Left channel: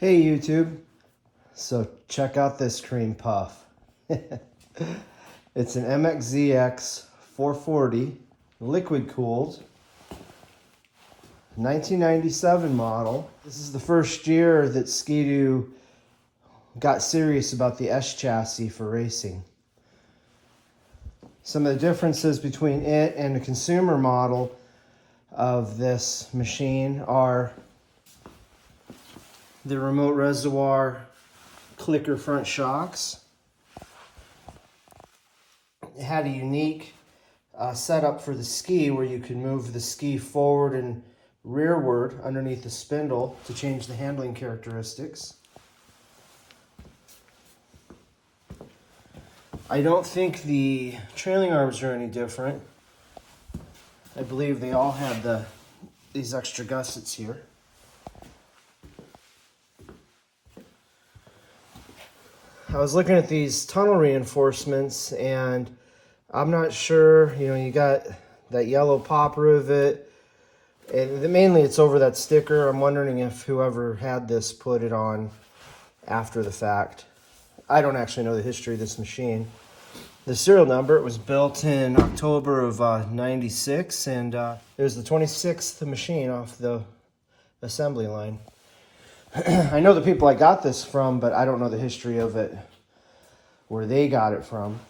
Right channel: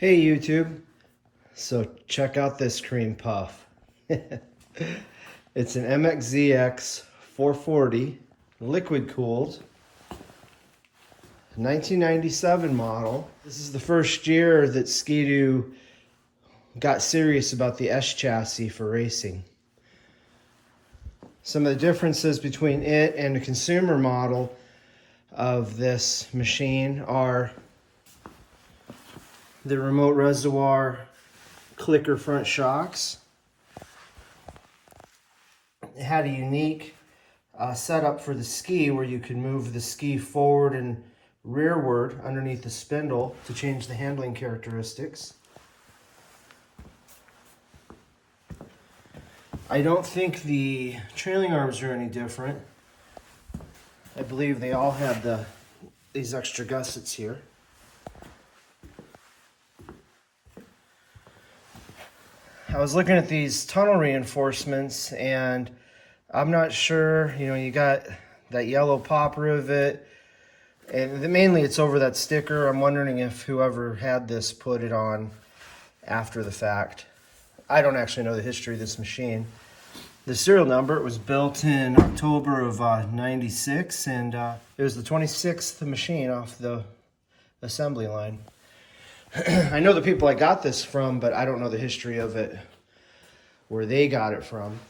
Hey YouTube, so check out this cream puff. It's an MXZx 440, liquid cooled, 1997 model. This is the first year that Ski-Doo got serious about the S chassis for racing. Some of the differences between it and the consumer model of this machine are the remote reservoir clicker front shocks. It had a unique setup for the ski where you could move the ski forward and rearward underneath the spindle to change the handling characteristics. I don't think the trailing arms are any different. I believe they all have these extra gussets here. I was looking at these tunnel reinforcements and I'm not sure, you got that yellow pop rivet and mainly it's over that sticker. I'm wondering if whoever had this put it on after the fact. I don't actually know the history of this machine. The serial number, it was built in October of 96 and it was the 26th machine off the assembly line. I know the people I got this from, but I don't know the history of it, where they got it from.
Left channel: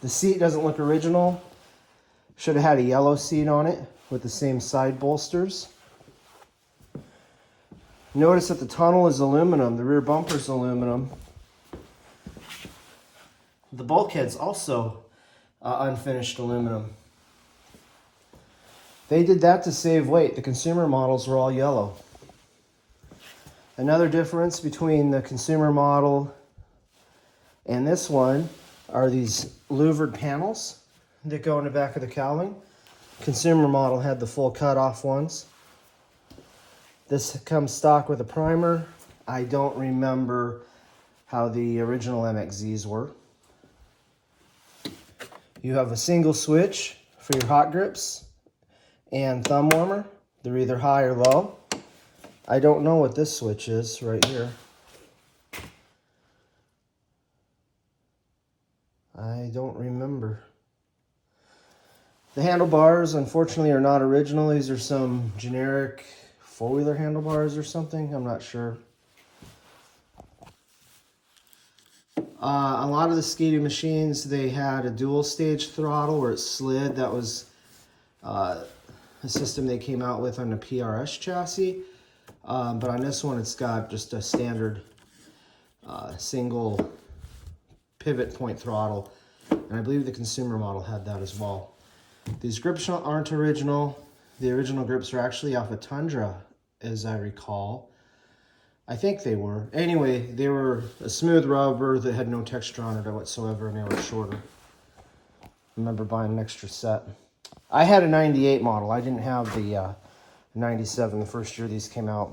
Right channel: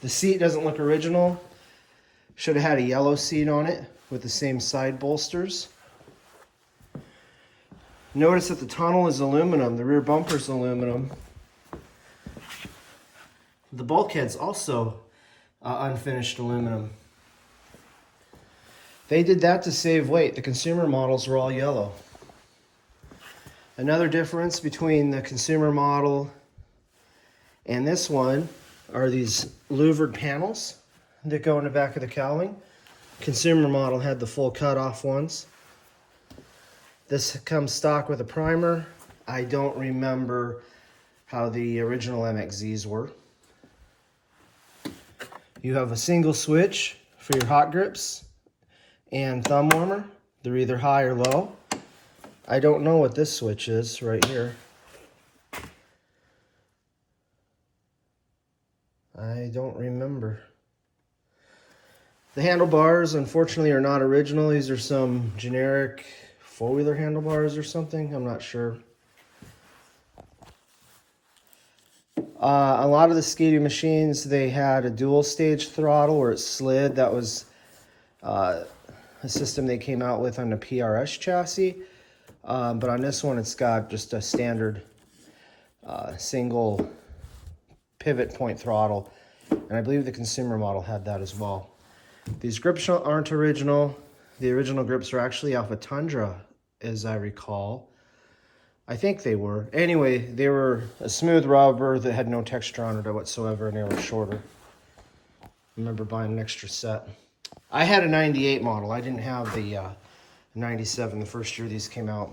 The seat doesn't look original. Should have had a yellow seat on it with the same side bolsters. Notice that the tunnel is aluminum, the rear bumper's aluminum. The bulkhead's also unfinished aluminum. They did that to save weight. The consumer models were all yellow. Another difference between the consumer model and this one are these louvered panels that go in the back of the cowling. Consumer model had the full cut-off ones. This comes stock with a primer. I don't remember how the original MXZs were. You have a single switch for your hot grips and thumb warmer. They're either high or low. I don't know what this switch is right here. I don't remember. The handlebars, unfortunately, are not original. These are some generic four-wheeler handlebars or something. I'm not sure. A lot of the Ski-Doo machines, they had a dual-stage throttle where it slid. That was a system they came out with on the PRS chassis. But on this one, it's got just a standard single pivot point throttle. And I believe the consumer model had that as well. These grips aren't original. The original grips are actually off a Tundra, as I recall. I think they were. Anyway, they were a smooth rubber that had no texture on it whatsoever, and they were shorter. I remember buying an extra set. I had a 98 model. I didn't have the 97, the first year these came out.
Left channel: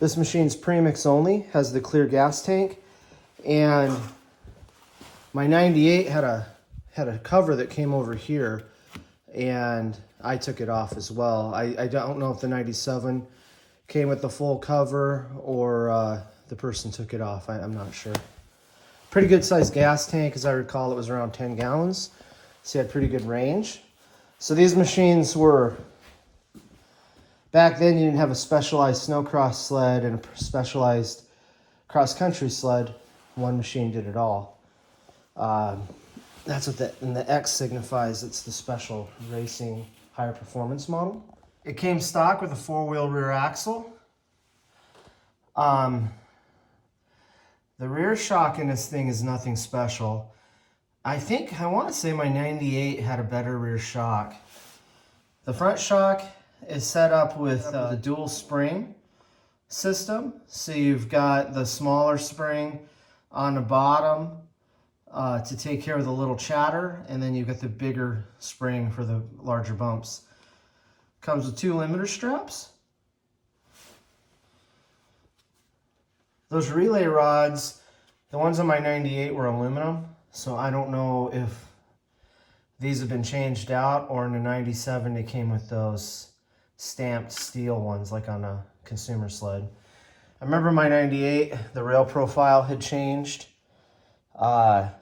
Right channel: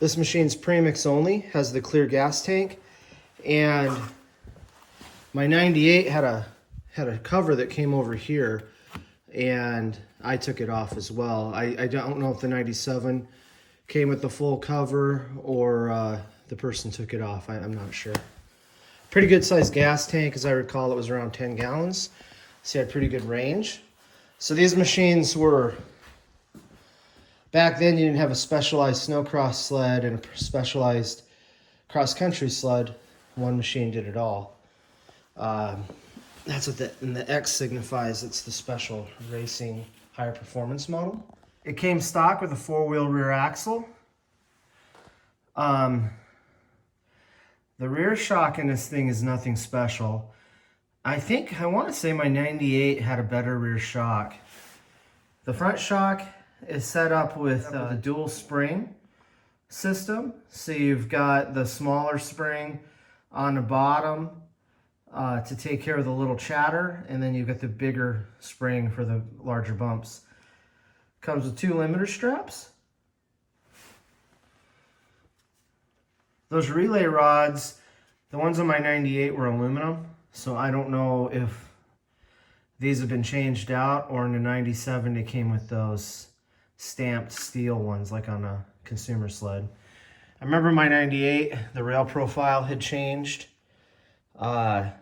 This machine's premix only, has the clear gas tank, and my 98 had a cover that came over here, and I took it off as well. I don't know if the 97 came with the full cover or the person took it off. I'm not sure. Pretty good sized gas tank, as I recall. It was around 10 gallons, so you had pretty good range. So these machines were, back then you didn't have a specialized snowcross sled and a specialized cross-country sled. One machine did it all. That's what the X signifies. It's the special racing higher performance model. It came stock with a four-wheel rear axle. The rear shock in this thing is nothing special. I want to say my 98 had a better rear shock. The front shock is set up with the dual spring system. So you've got the smaller spring on the bottom to take care of the little chatter, and then you've got the bigger spring for the larger bumps. Comes with 2 limiter straps. Those relay rods, the ones on my 98 were aluminum, so I don't know if these have been changed out, or in the 97 they came with those stamped steel ones like on a consumer sled. remember my 98, the rail profile had changed. I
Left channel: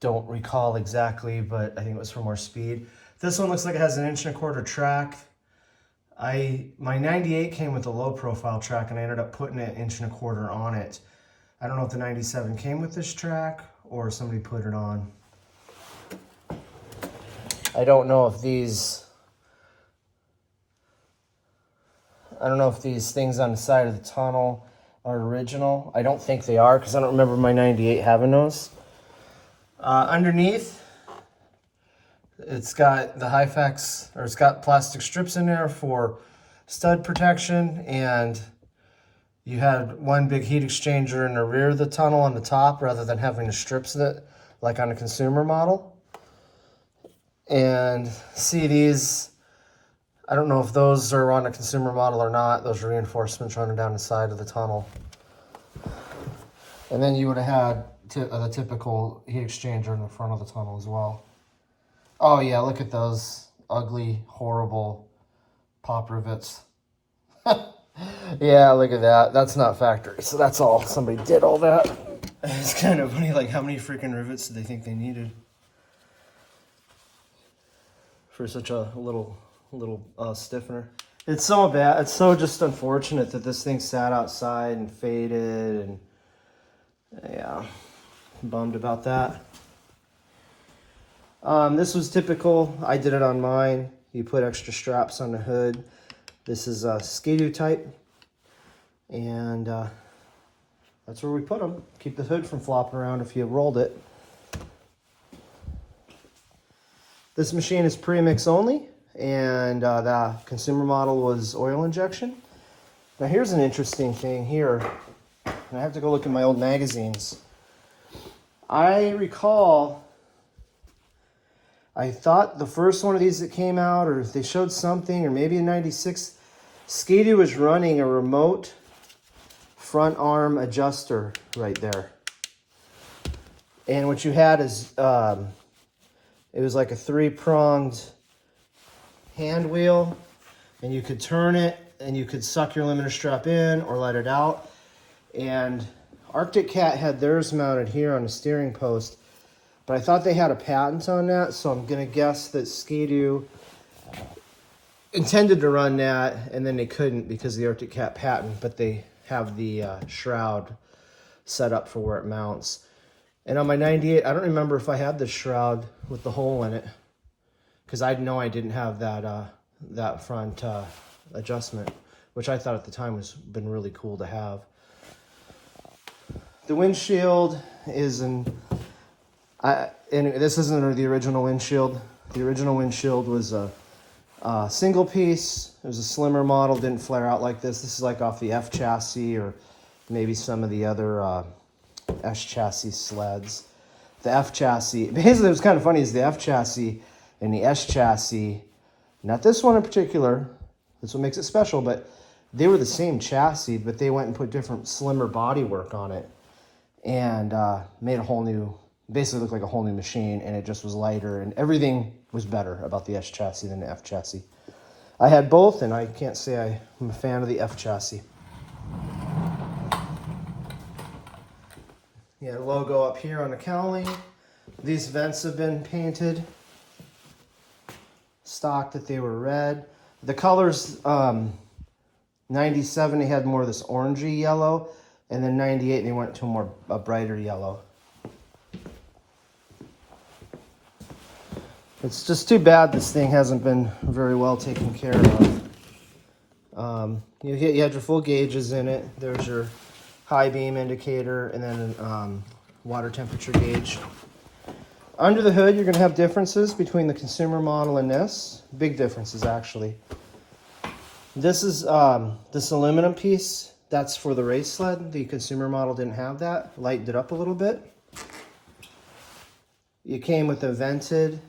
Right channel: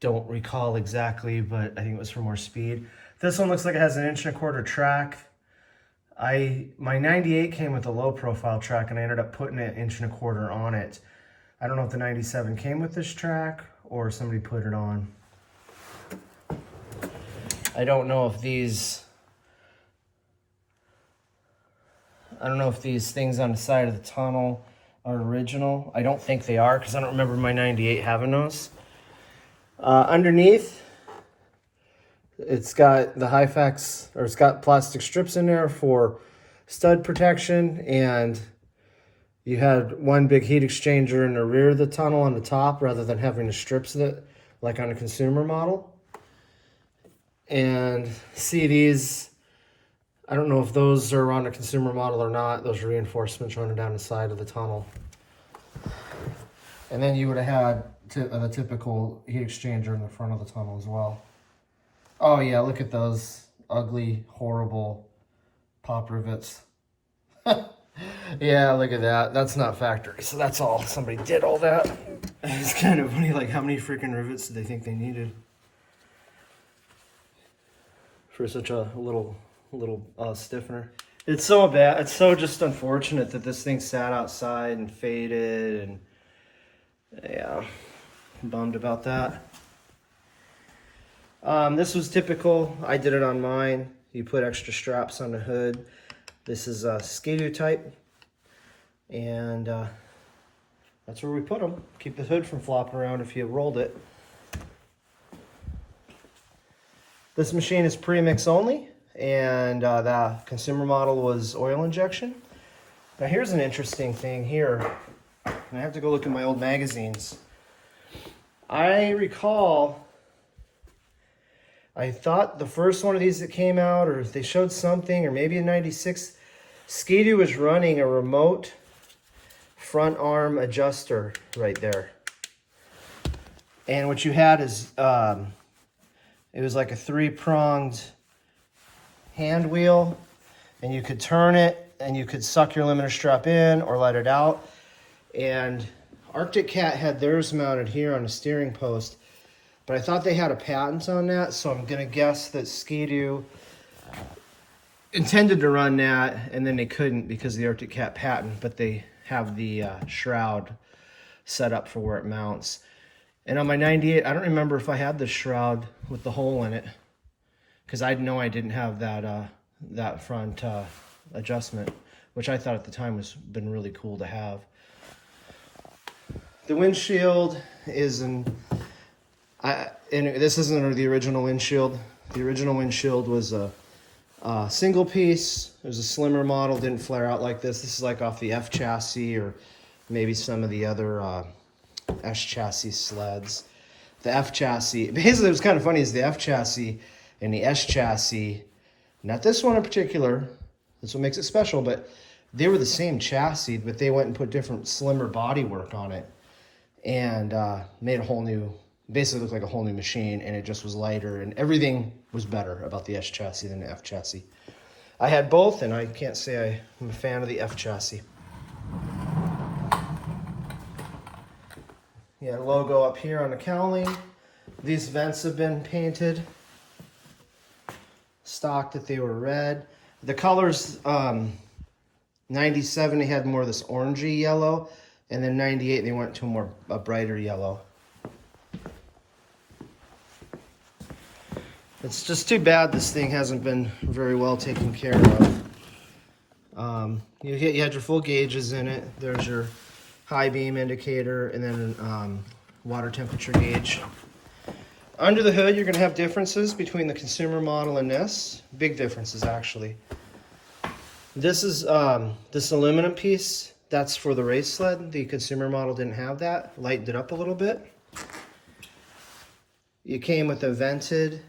don't recall exactly, but I think it was for more speed. This one looks like it has an 1.25" track. My 98 came with a low profile track, and I ended up putting an 1.25" on it. I don't know if the 97 came with this track or somebody put it on. I don't know if these things on the side of the tunnel are original. I don't think they are, because I don't remember my 98 having those. Underneath, it's got the Hyfax, or it's got plastic strips in there for stud protection, and you had one big heat exchanger in the rear of the tunnel on the top, rather than having the strips that, like on a consumer model. And see these, I don't know if those are on a consumer model or not, those reinforcements running down the side of the tunnel. And then you would have had the typical heat exchanger in the front of the tunnel as well. Oh yeah, look at those ugly, horrible pop rivets. Yeah, look at that. That's not factory, so that's all. Somebody did all that. It's kind of funny, like how many freaking rivets did they think they needed for such a little stiffener? It's so bad. It's so just unfortunate that this thing sat outside and faded, and yeah, I'm bummed about that. This was typical. I did it on mine. You put extra straps on the hood. This is a Ski-Doo type, and that's where we put them. Keep the hood from flopping around if you rolled it. This machine is premix only, and the consumer model was oil injection. Now here's an interesting thing here, and I have to go look at my old magazines. I recall, I thought the first one of these that came out, or they showed something, or maybe in 96, Ski-Doo was running a remote front arm adjuster right there. And what you had is, it was like a 3-pronged hand wheel, and you could turn it, and you could suck your limiter strap in or let it out. And Arctic Cat had theirs mounted here on a steering post, but I thought they had a patent on that, so I'm gonna guess that Ski-Doo intended to run that, and then they couldn't because of the Arctic Cat patent, but they have the shroud set up for where it mounts. And on my 98, I don't remember if I had the shroud with the hole in it, because I know I didn't have that front adjustment, which I thought at the time was been really cool to have. The windshield is and this isn't the original windshield. The original windshield was a single piece. It was a slimmer model, didn't flare out like this. This is like off the F chassis or maybe some of the other S chassis sleds. The F chassis, basically what's kind of funny is the F chassis and the S chassis, not this one in particular, that's what makes it special, but they were the same chassis, but they went and put different slimmer bodywork on it and made a whole new, basically looked like a whole new machine, and it just was lighter, and everything was better about the S chassis than the F chassis. I had both, and I can't say I'm a fan of the F chassis. Yeah, logo up here on the cowling. These vents have been painted. Stock that they were red. The colors, 97 they had more of this orangey yellow, and then 98 they went to a brighter yellow. It's just too bad this thing hasn't been very well taken care of. You had your full gauges in it. There's your high beam indicator, and then water temperature gauge. Under the hood, you're going to have differences between the consumer model and this. Big differences, actually. This is this aluminum piece. That's for the race sled. The consumer model didn't have that. Lightened it up a little bit. You came with a vented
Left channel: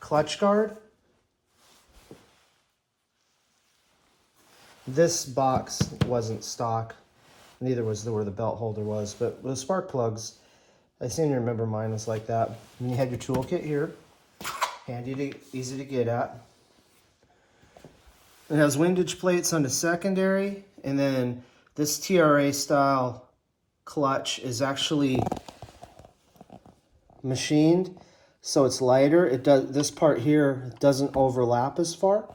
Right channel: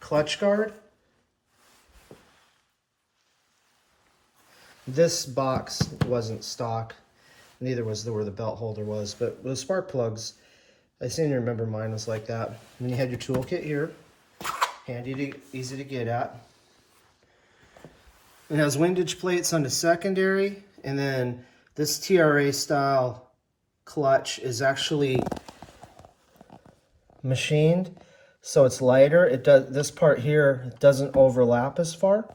clutch guard. This box wasn't stock. Neither was where the belt holder was, but the spark plugs, I seem to remember mine was like that. And you had your toolkit here, handy, easy to get at. It has windage plates on the secondary, and then this TRA style clutch is actually machined, so it's lighter. It does, this part here doesn't overlap as far.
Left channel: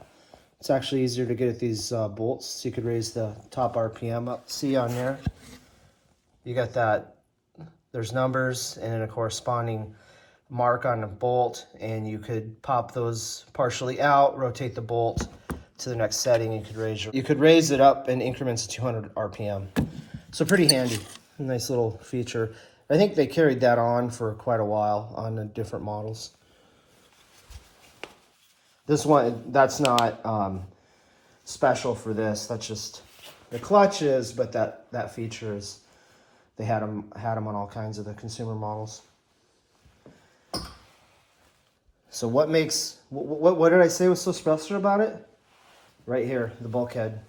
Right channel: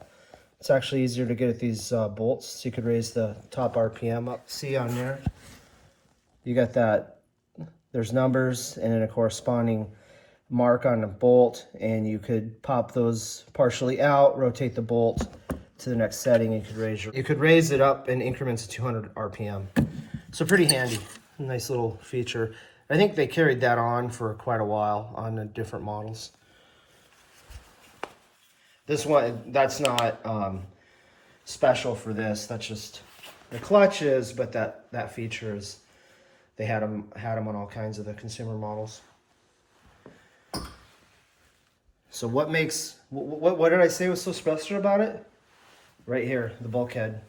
It's actually easier to get at these bolts, so you could raise the top RPM up. See on there, you got that, there's numbers and then a corresponding mark on the bolt, and you could pop those partially out, rotate the bolt to the next setting. You could raise it up in increments of 200 RPM. So pretty handy, nice little feature. I think they carried that on for quite a while on the different models. This one, that's not special for this. That's just the clutch is, but that feature is, they had them on all kinds of the consumer models. So what did I say was so special about it? Right here, the bulkhead.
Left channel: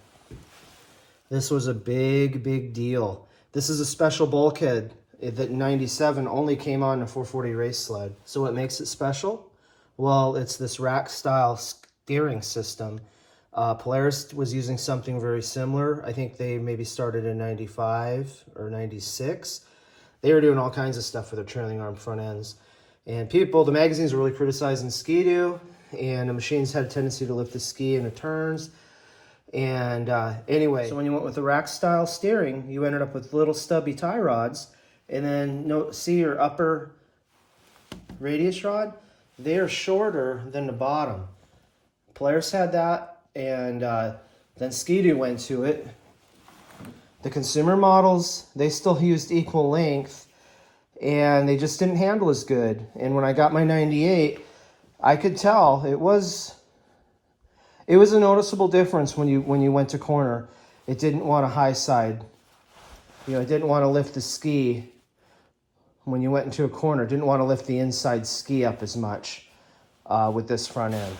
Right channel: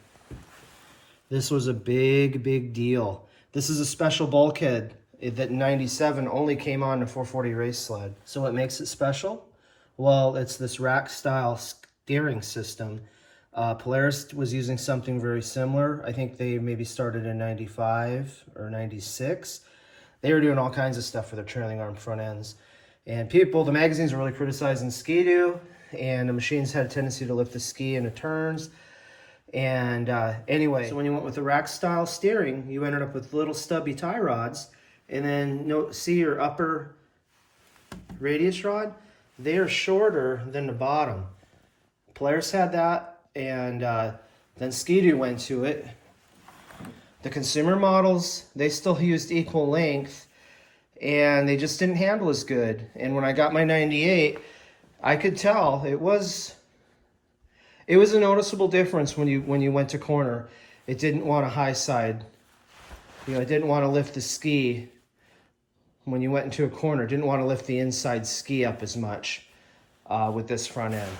This was a big deal. This is a special bulkhead that in '97 only came on the 440 race sled. So what makes it special? Well, it's this rack style steering system. Polaris was using something very similar. I think they maybe started in 95 or 96. They were doing all kinds of stuff for their trailing arm front ends. And the magazines were really criticizing Ski-Doo, and the machines had a tendency to lift the ski into turns. And anyway, so when you went with the rack style steering, you ended up with little stubby tie rods. And then see your upper radius rod? They are shorter than the bottom. Polaris had that, and then Ski-Doo went to it. The consumer models, they still used equal length, and they just didn't handle as good. And when I got my 98, I could tell it was a noticeable difference when you went to corner. It didn't want a high side. You know, it didn't want to lift the ski when you went into a corner. It didn't want to lift the inside ski up as much with this front end.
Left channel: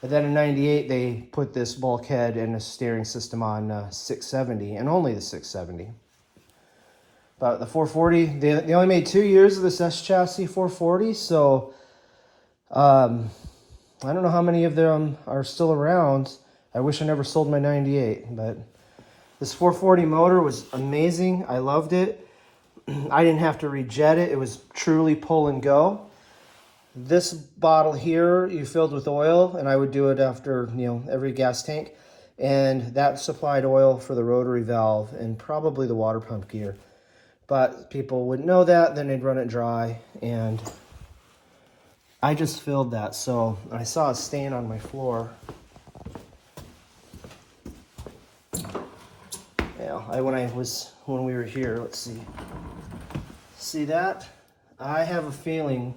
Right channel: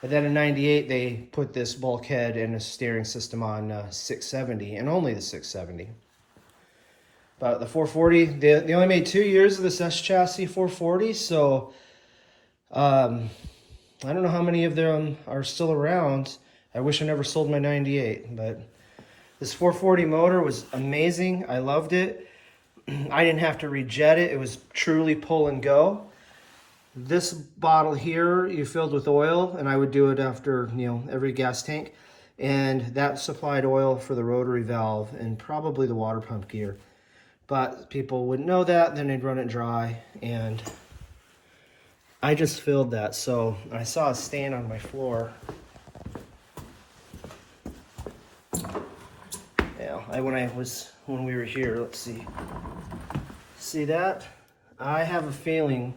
But then in 98, they put this bulkhead and a steering system on 670, and only the 670. But the 440, they only made 2 years of this S chassis 440, so I don't know how many of them are still around. I wish I never sold my 98, but this 440 motor was amazing. I loved it. I didn't have to rejet it. It was truly pull and go. This bottle here you filled with oil, and I would do it after, every gas tank. And that supplied oil for the rotary valve and probably the water pump gear. But people wouldn't know that, then they'd run it dry, and I just filled that. So I saw a stain on my floor. Yeah, when we were here, let's see. See that? I have a feeling.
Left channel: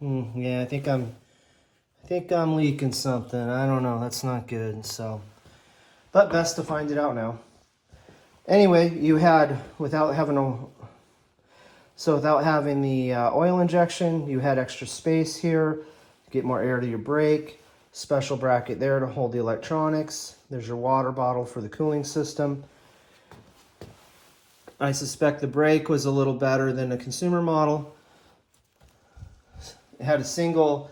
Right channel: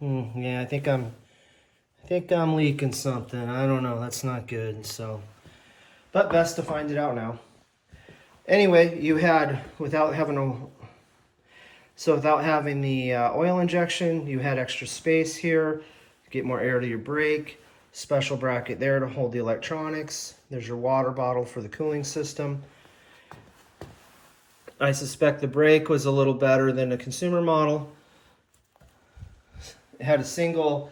Yeah, I think I'm leaking something. I don't know. That's not good. So, but best to find it out now. Anyway, without having the oil injection, you had extra space here. Get more air to your brake. Special bracket there to hold the electronics. There's your water bottle for the cooling system. I suspect the brake was a little better than the consumer model. It had a single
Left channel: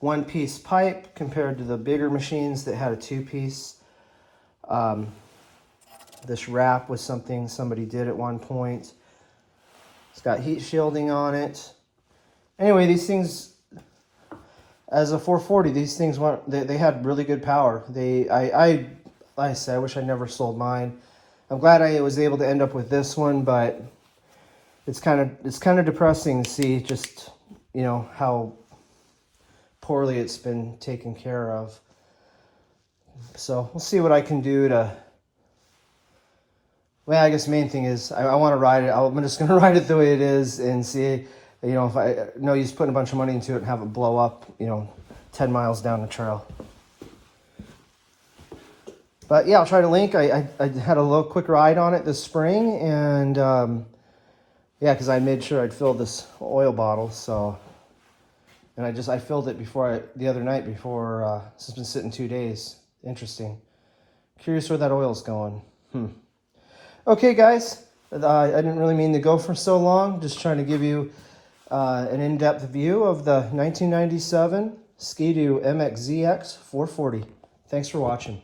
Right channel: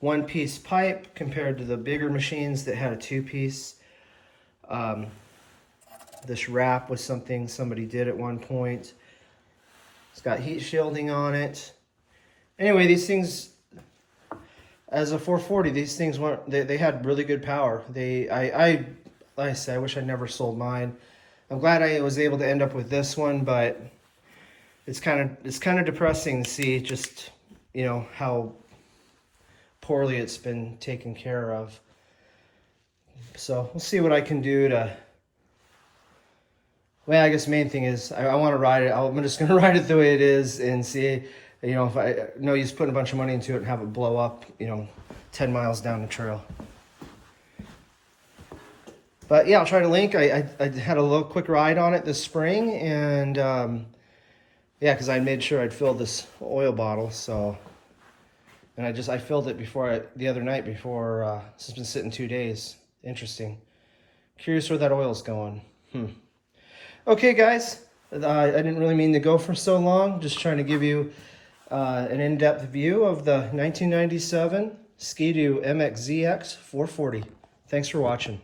one-piece pipe compared to the bigger machines that had a two-piece. This wrap was something somebody did at one point. It's got heat shielding on it. Anyway, these things, as a 440, these things they had really good power. Like I said, I wish I never sold mine. I'm glad I was able to end up with this one, but it's kind of depressing to see just, how poorly it's been taken care of. So we'll see what I can do to. Well, I guess the main thing is I want to ride it. I'm just going to ride it the way it is and see, if I no use putting a bunch of money into it and have it blow up, 10 miles down the trail. But yeah, I'll try to link. I had a little quick ride on it this spring, and yeah, because I made sure I'd filled this oil bottle. So, and I filled it the other night before. It's been sitting 2 days. Interesting. Curious where that oil's going. Okay, guys. I didn't really mean to go for so long. Just trying to give you an in-depth view of the 1997 Ski-Doo MXZx 440. Thanks for watching.